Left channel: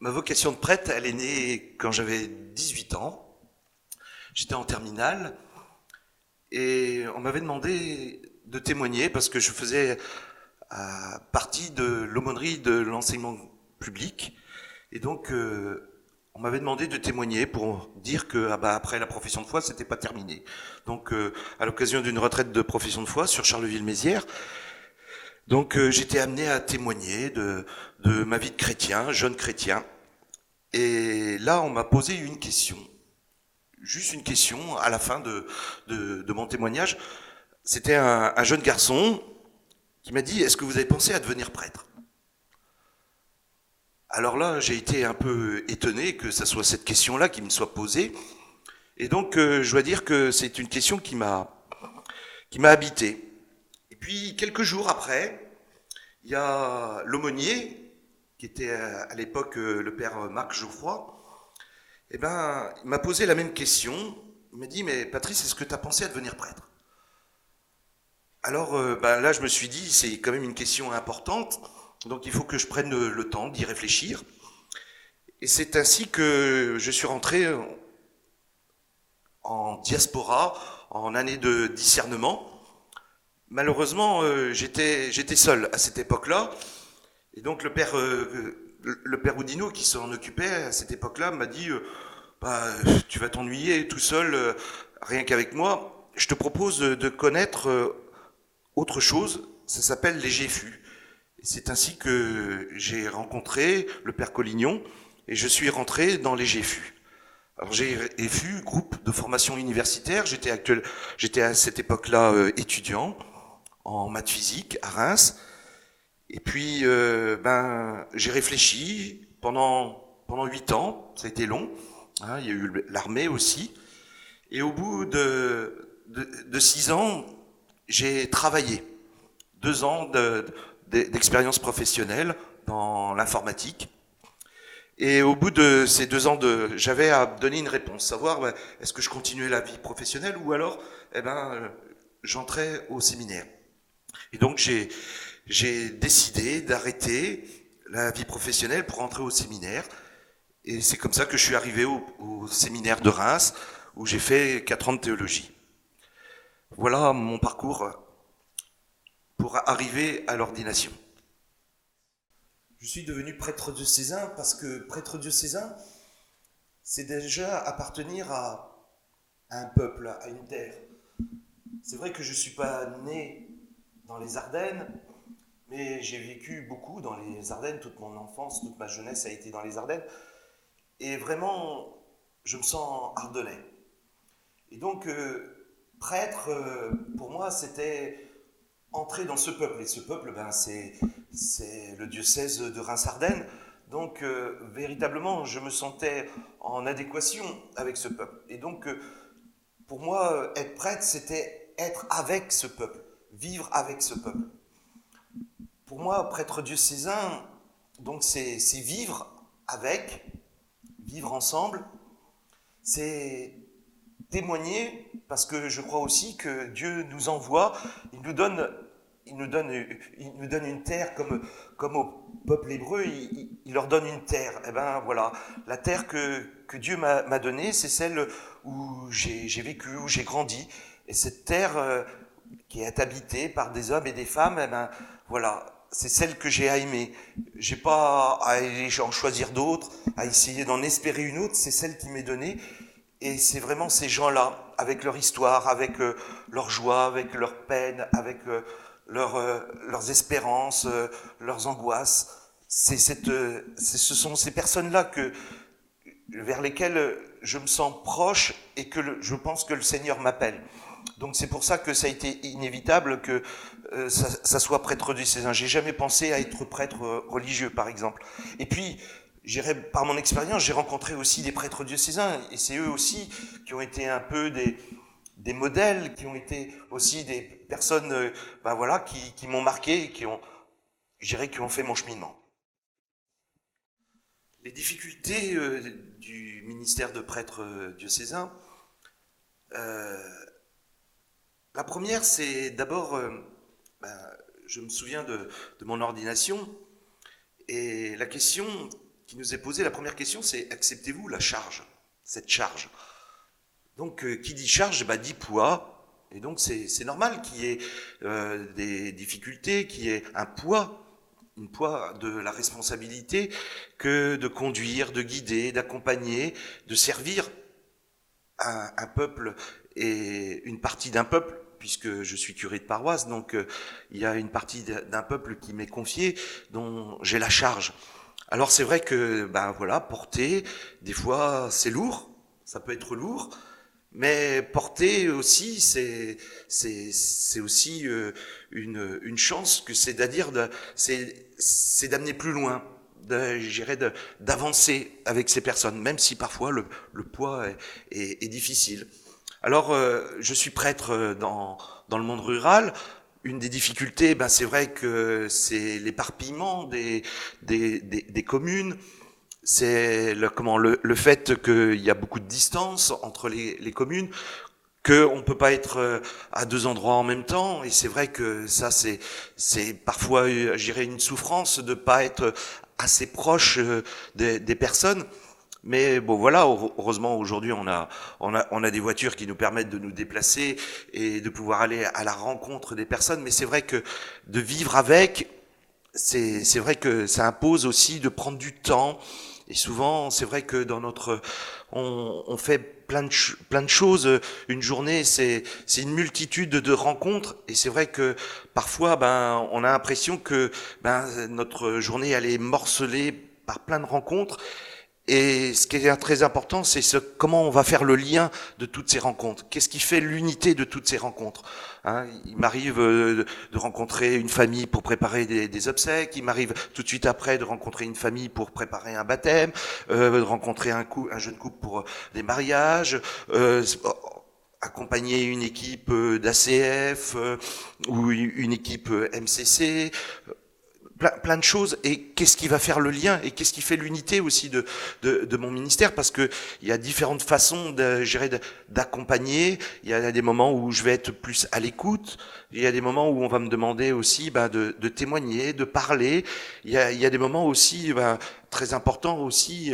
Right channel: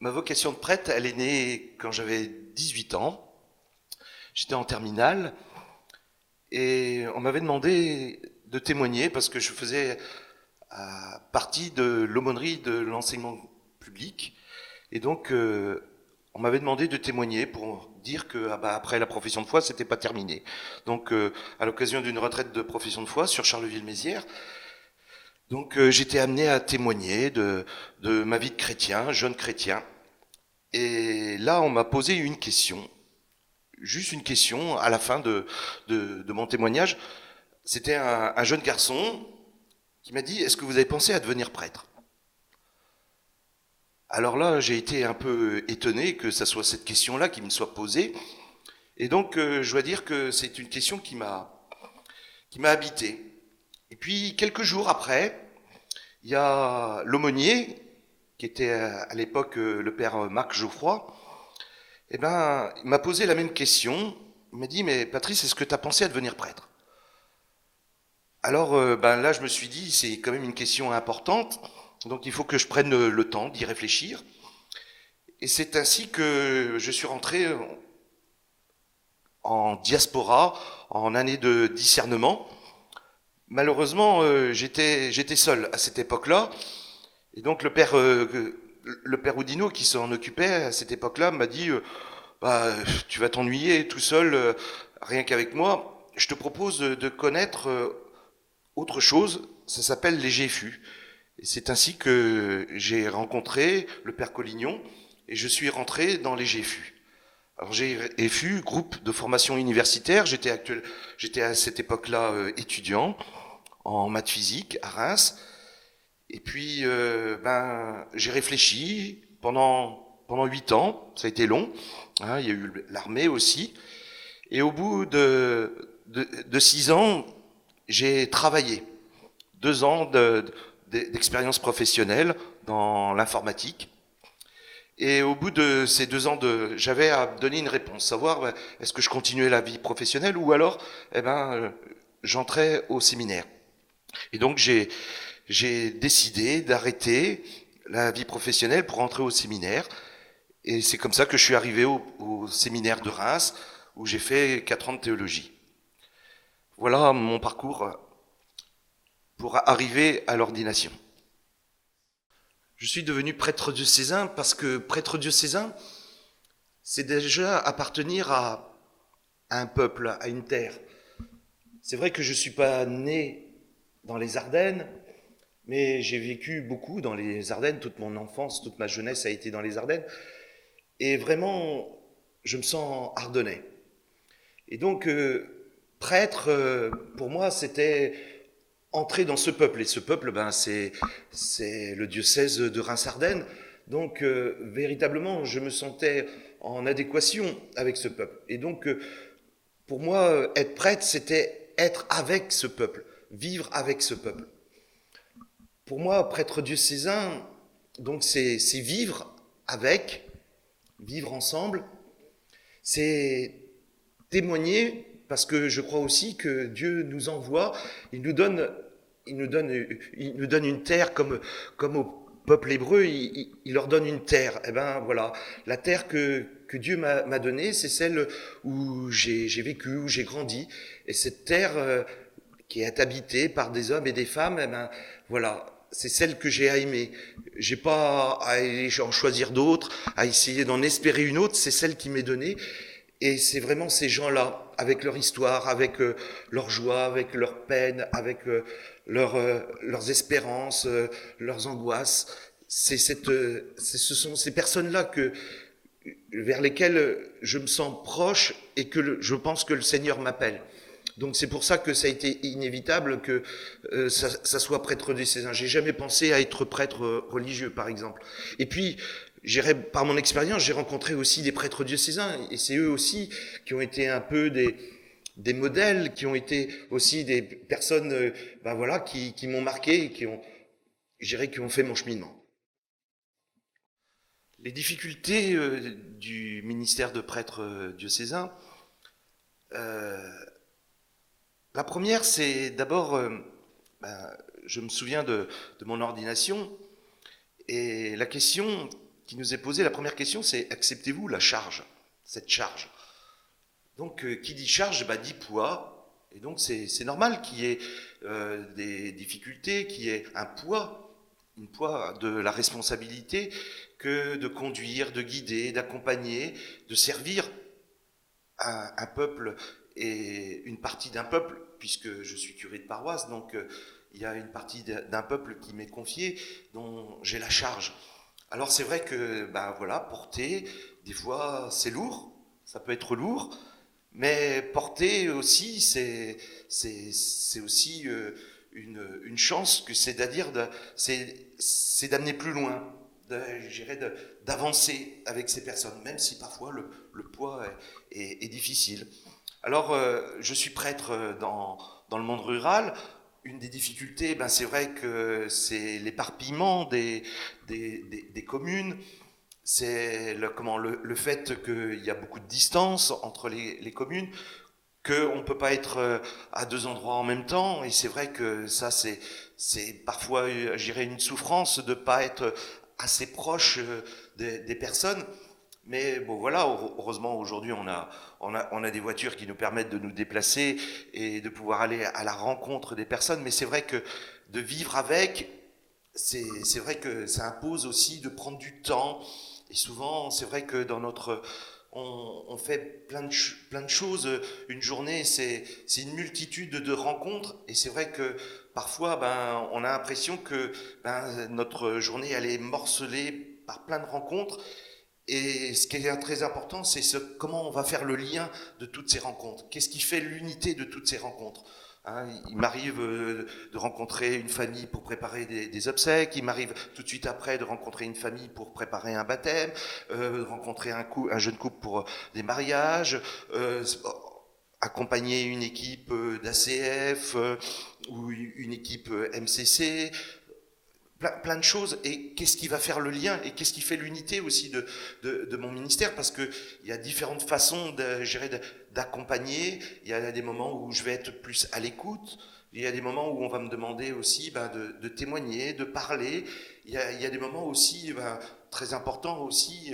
Ma vocation de prêtre, elle est née quand j'avais 18 ans. J'étais en terminale et on m'avait demandé de témoigner parce que je faisais partie de l'aumônerie de l'enseignement public. Et donc, on m'avait demandé de témoigner pour dire que après la profession de foi, c'était pas terminé. Donc, à l'occasion d'une retraite de profession de foi sur Charleville-Mézières, donc j'étais amené à témoigner de ma vie de chrétien, jeune chrétien. Et là, on m'a posé une question, juste une question à la fin de mon témoignage. C'était un jeune garçon qui m'a dit: est-ce que vous avez pensé à devenir prêtre? Alors là, j'ai été un peu étonné que ça soit cette question-là qui me soit posée. Et donc, je dois dire que c'est une question qui m'a habité. Et puis, quelques jours après, il y a l'aumônier, qui était à l'époque le père Marc Geoffroy. Eh ben, il m'a posé la même question. Il m'a dit: mais Patrice, est-ce que tu as pensé à devenir prêtre? Alors, là, je me suis dit, c'est quand même une question importante, donc il faut que je prenne le temps d'y réfléchir. Et c'est ainsi que je suis rentré en diaspora, en année de discernement. Malheureusement, j'étais seul à cette époque-là, et donc le père Oudinot, qui s'en occupait à cette époque-là, m'a dit: tu vas t'ennuyer tout seul, rien qu'avec moi. Je te propose de connaître autre chose, ça s'appelle les GFU. Et c'est ainsi que j'ai rencontré le père Collignon et je suis rentré dans les GFU. Alors GFU, groupe de formation universitaire, j'étais à cette époque-là étudiant en maths physique à Reims. Et puis j'ai réfléchi pendant 8 ans, ça a été long. Hein, il y a eu l'armée aussi. Et au bout de 6 ans, j'ai travaillé 2 ans d'expérience professionnelle dans l'informatique. Et au bout de ces 2 ans, j'avais à donner une réponse, savoir est-ce que je continuais la vie professionnelle ou alors j'entrais au séminaire. Et donc j'ai décidé d'arrêter la vie professionnelle pour entrer au séminaire. Et c'est comme ça que je suis arrivé au séminaire de Reims, où j'ai fait 4 ans de théologie. Voilà mon parcours pour arriver à l'ordination. Je suis devenu prêtre diocésain parce que prêtre diocésain, c'est déjà appartenir à un peuple, à une terre. C'est vrai que je ne suis pas né dans les Ardennes, mais j'ai vécu beaucoup dans les Ardennes, toute mon enfance, toute ma jeunesse a été dans les Ardennes. Et vraiment, je me sens ardennais. Et donc, prêtre, pour moi, c'était entrer dans ce peuple. Et ce peuple, c'est le diocèse de Reims-Ardennes. Donc, véritablement, je me sentais en adéquation avec ce peuple. Et donc, pour moi, être prêtre, c'était être avec ce peuple, vivre avec ce peuple. Pour moi, prêtre diocésain, donc c'est vivre avec, vivre ensemble, c'est témoigner, parce que je crois aussi que Dieu nous envoie, il nous donne une terre comme au peuple hébreu, il leur donne une terre. Et ben voilà, la terre que Dieu m'a donnée, c'est celle où j'ai vécu, où j'ai grandi. Et cette terre qui est habitée par des hommes et des femmes, eh ben voilà, c'est celle que j'ai à aimer. J'ai pas à aller en choisir d'autres, à essayer d'en espérer une autre, c'est celle qui m'est donnée. Et c'est vraiment ces gens-là, avec leur histoire, avec leur joie, avec leur peine, avec leurs espérances, leurs angoisses. Ce sont ces personnes-là vers lesquelles je me sens proche et que je pense que le Seigneur m'appelle. Donc c'est pour ça que ça a été inévitable que ça soit prêtre diocésain. J'ai jamais pensé à être prêtre religieux, par exemple. Et puis, par mon expérience, j'ai rencontré aussi des prêtres diocésains, et c'est eux aussi qui ont été un peu des modèles, qui ont été aussi des personnes, voilà, qui m'ont marqué, je dirais, qui ont fait mon cheminement. Les difficultés du ministère de prêtre diocésain, euh, la première, c'est d'abord, ben, je me souviens de mon ordination, et la question qui nous est posée, la première question, c'est acceptez-vous la charge, cette charge? Donc, qui dit charge, bah, dit poids. Et donc, c'est normal qu'il y ait des difficultés, qu'il y ait un poids, une poids de la responsabilité que de conduire, de guider, d'accompagner, de servir un peuple et une partie d'un peuple, puisque je suis curé de paroisse, donc il y a une partie d'un peuple qui m'est confiée, dont j'ai la charge. Alors c'est vrai que, ben voilà, porter, des fois c'est lourd, ça peut être lourd, mais porter aussi, c'est aussi une chance que c'est-à-dire c'est d'amener plus loin, d'avancer avec ces personnes, même si parfois le poids est difficile. Alors, je suis prêtre dans le monde rural. Une des difficultés, ben, c'est vrai que c'est l'éparpillement des communes, c'est le fait qu'il y a beaucoup de distance entre les communes, qu'on ne peut pas être à deux endroits en même temps, et c'est vrai que ça, c'est parfois, je dirais, une souffrance de ne pas être assez proche des personnes. Mais bon, voilà, heureusement, aujourd'hui, on a des voitures qui nous permettent de nous déplacer et de pouvoir aller à la rencontre des personnes. Mais c'est vrai que de vivre avec, c'est vrai que ça impose aussi de prendre du temps. Et souvent, c'est vrai que dans notre, on fait plein de choses. Une journée, c'est une multitude de rencontres. Et c'est vrai que parfois, ben, on a l'impression que ben, notre journée, elle est morcelée par plein de rencontres. Et ce qui est très important, c'est comment on va faire le lien de toutes ces rencontres. Qu'est-ce qui fait l'unité de toutes ces rencontres? Hein, il m'arrive de rencontrer une famille pour préparer des obsèques. Il m'arrive tout de suite après de rencontrer une famille pour préparer un baptême, de rencontrer un jeune couple pour des mariages. Accompagner une équipe d'ACF ou une équipe MCC, plein de choses. Et qu'est-ce qui va faire le lien et qu'est-ce qui fait l'unité aussi de mon ministère? Parce que il y a différentes façons d'accompagner. Il y a des moments où je vais être plus à l'écoute. Il y a des moments où on va me demander aussi ben, de témoigner, de parler. Il y a des moments aussi ben, très importants aussi.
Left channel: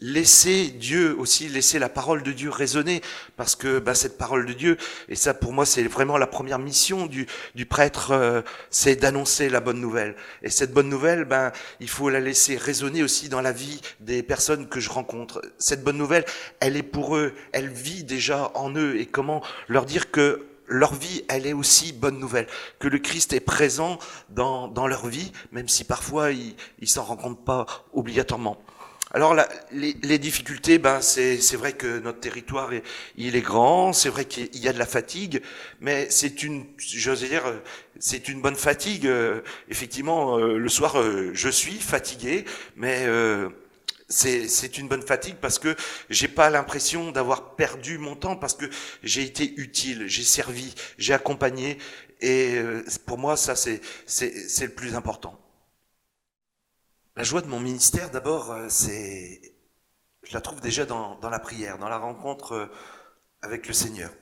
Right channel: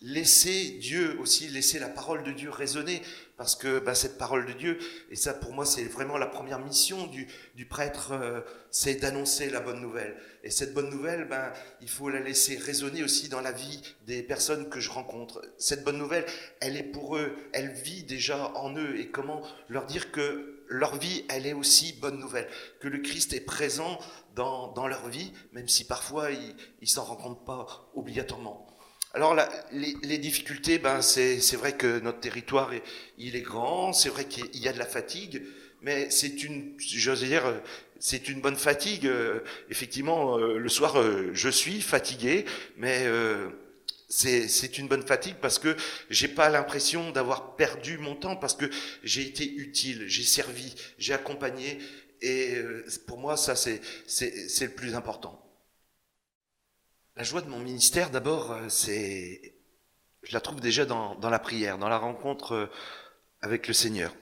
Laisser Dieu aussi, laisser la parole de Dieu résonner, parce que bah, cette parole de Dieu, et ça pour moi c'est vraiment la première mission du prêtre, c'est d'annoncer la bonne nouvelle. Et cette bonne nouvelle, ben, il faut la laisser résonner aussi dans la vie des personnes que je rencontre. Cette bonne nouvelle, elle est pour eux, elle vit déjà en eux, et comment leur dire que leur vie, elle est aussi bonne nouvelle, que le Christ est présent dans leur vie, même si parfois ils s'en rendent compte pas obligatoirement. Alors les difficultés, ben c'est vrai que notre territoire il est grand, c'est vrai qu'il y a de la fatigue, mais j'ose dire, c'est une bonne fatigue. Effectivement, le soir, je suis fatigué, mais c'est une bonne fatigue parce que j'ai pas l'impression d'avoir perdu mon temps, parce que j'ai été utile, j'ai servi, j'ai accompagné, et pour moi ça c'est le plus important. La joie de mon ministère, d'abord, je la trouve déjà dans la prière, dans la rencontre avec le Seigneur.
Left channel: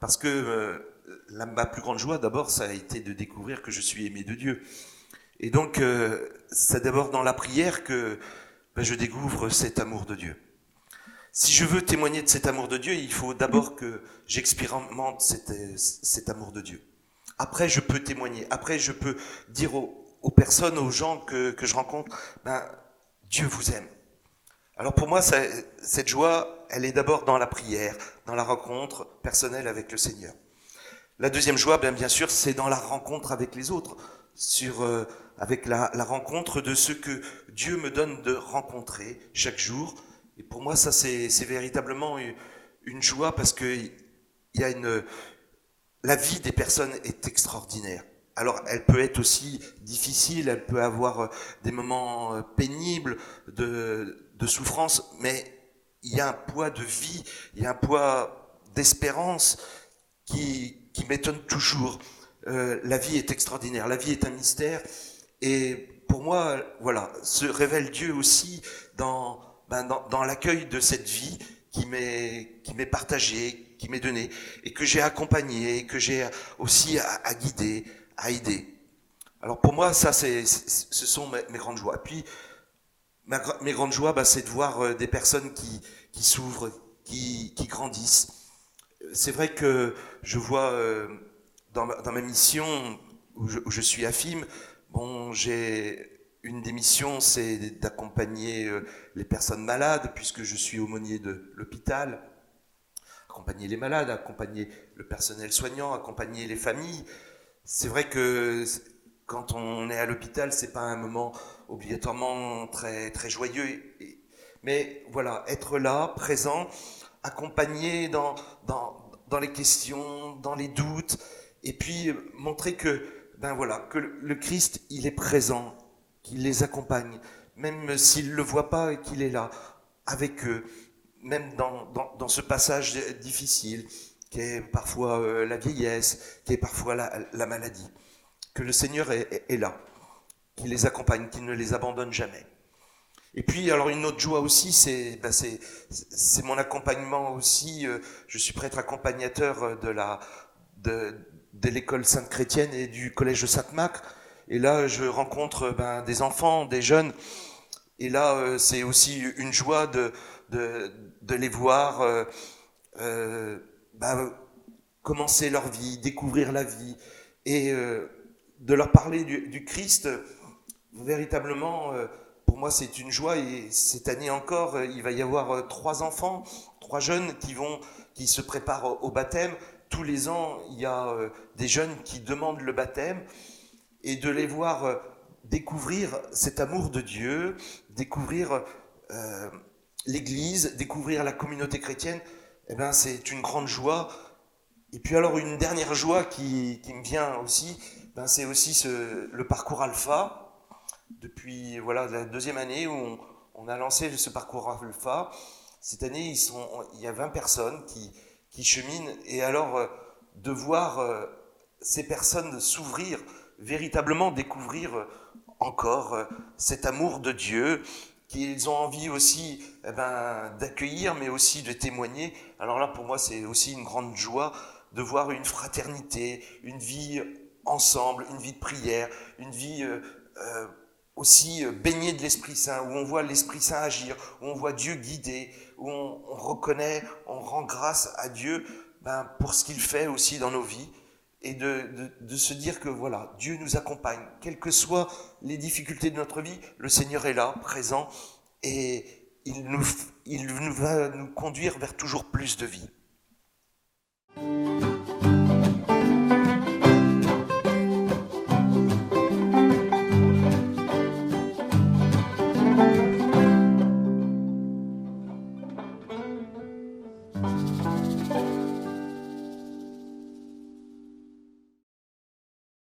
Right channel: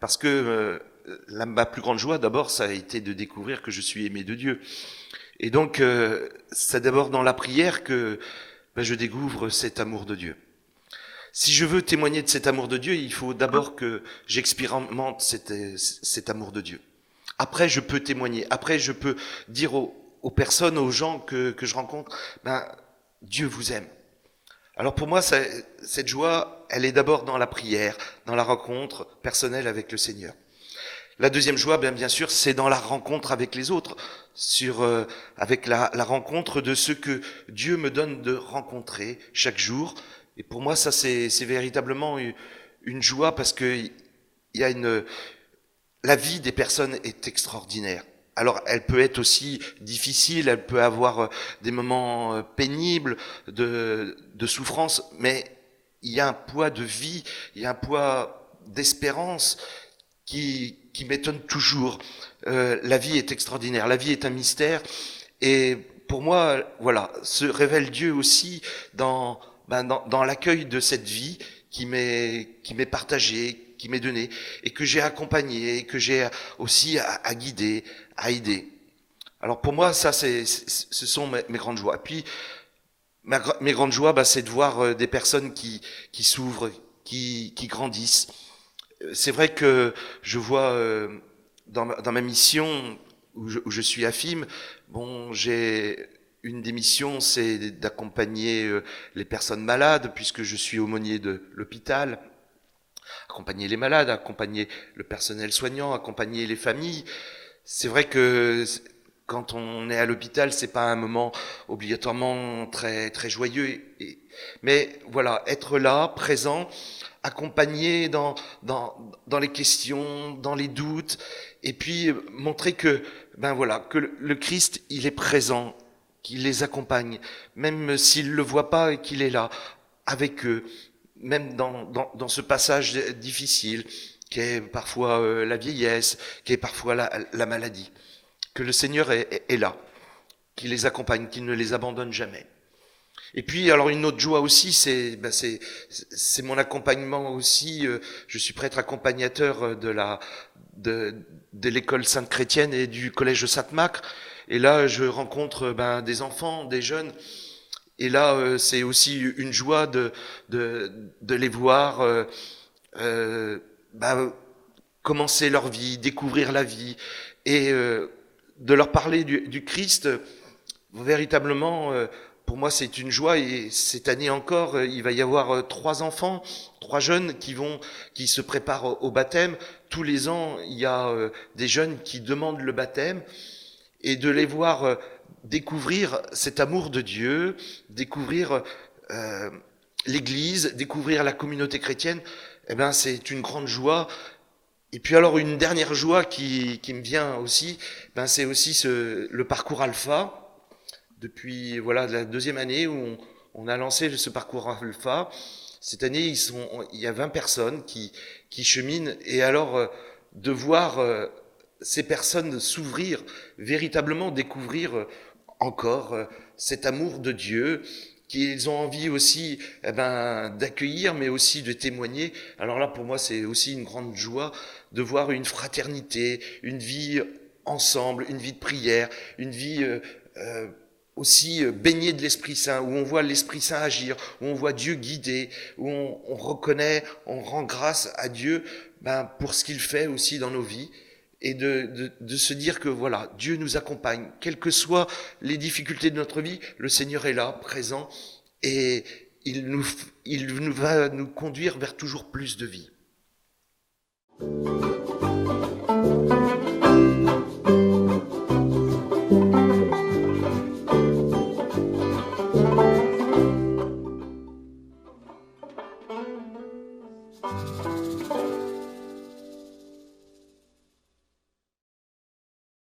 Parce que ma plus grande joie, d'abord, ça a été de découvrir que je suis aimé de Dieu. Et donc, c'est d'abord dans la prière que ben, je découvre cet amour de Dieu. Si je veux témoigner de cet amour de Dieu, il faut d'abord que j'expérimente cet amour de Dieu. Après, je peux témoigner. Après, je peux dire aux personnes, aux gens que je rencontre, ben, Dieu vous aime. Alors pour moi, cette joie, elle est d'abord dans la prière, dans la rencontre personnelle avec le Seigneur. La deuxième joie, bien sûr, c'est dans la rencontre avec les autres, avec la rencontre de ceux que Dieu me donne de rencontrer chaque jour. Et pour moi, ça, c'est véritablement une joie, parce que la vie des personnes est extraordinaire. Alors, elle peut être aussi difficile, elle peut avoir des moments pénibles, de souffrance, mais il y a un poids de vie, il y a un poids d'espérance qui m'étonne toujours. La vie est extraordinaire, la vie est un mystère, Et pour moi, voilà, se révèle Dieu aussi dans, dans l'accueil de cette vie qui m'est partagée, qui m'est donnée, et que j'ai accompagnée, que j'ai aussi à guider, à aider. Alors pour moi, ça, ce sont mes grandes joies. Puis, mes grandes joies, c'est de voir des personnes qui s'ouvrent, qui grandissent. C'est vrai que je vois dans ma mission où je suis à FIM, bon, j'ai une des missions, c'est d'accompagner les personnes malades, puisque je suis aumônier de l'hôpital, accompagner les malades, accompagner le personnel soignant, accompagner les familles. C'est vrai que quand on est à l'hôpital, c'est pas un moment obligatoirement très très joyeux, mais voilà, être là, présent, accompagner dans les questions, dans les doutes, et puis montrer que ben voilà, que le Christ, il est présent, qu'il les accompagne, même s'ils ne le voient pas et qu'il est là avec eux, même dans ce passage difficile, qui est parfois la vieillesse, qui est parfois la maladie. Que le Seigneur est là, qu'il les accompagne, qu'il ne les abandonne jamais. Et puis, alors une autre joie aussi, c'est mon accompagnement aussi. Je suis prêtre accompagnateur de l'école Sainte-Chrétienne et du collège de Sainte-Macre. Et là, je rencontre des enfants, des jeunes. Et là, c'est aussi une joie de les voir commencer leur vie, découvrir la vie, et de leur parler du Christ. Véritablement, pour moi, c'est une joie. Et cette année encore, il va y avoir 3 enfants, 3 jeunes qui se préparent au baptême. Tous les ans, il y a des jeunes qui demandent le baptême, et de les voir découvrir cet amour de Dieu, découvrir l'Église, découvrir la communauté chrétienne, eh ben, c'est une grande joie. Et puis alors une dernière joie qui me vient aussi, c'est aussi le parcours Alpha. Depuis voilà la 2e année où on a lancé ce parcours Alpha. Cette année, il y a 20 personnes qui cheminent, et alors de voir ces personnes s'ouvrir, véritablement découvrir encore cet amour de Dieu, qu'ils ont envie aussi d'accueillir, mais aussi de témoigner. Alors là, pour moi, c'est aussi une grande joie de voir une fraternité, une vie ensemble, une vie de prière, une vie aussi baignée de l'Esprit Saint, où on voit l'Esprit Saint agir, où on voit Dieu guider, où on reconnaît, on rend grâce à Dieu pour ce qu'il fait aussi dans nos vies, et de se dire que voilà, Dieu nous accompagne, quelles que soient les difficultés de notre vie, le Seigneur est là, présent, et il va nous conduire vers toujours plus de vie.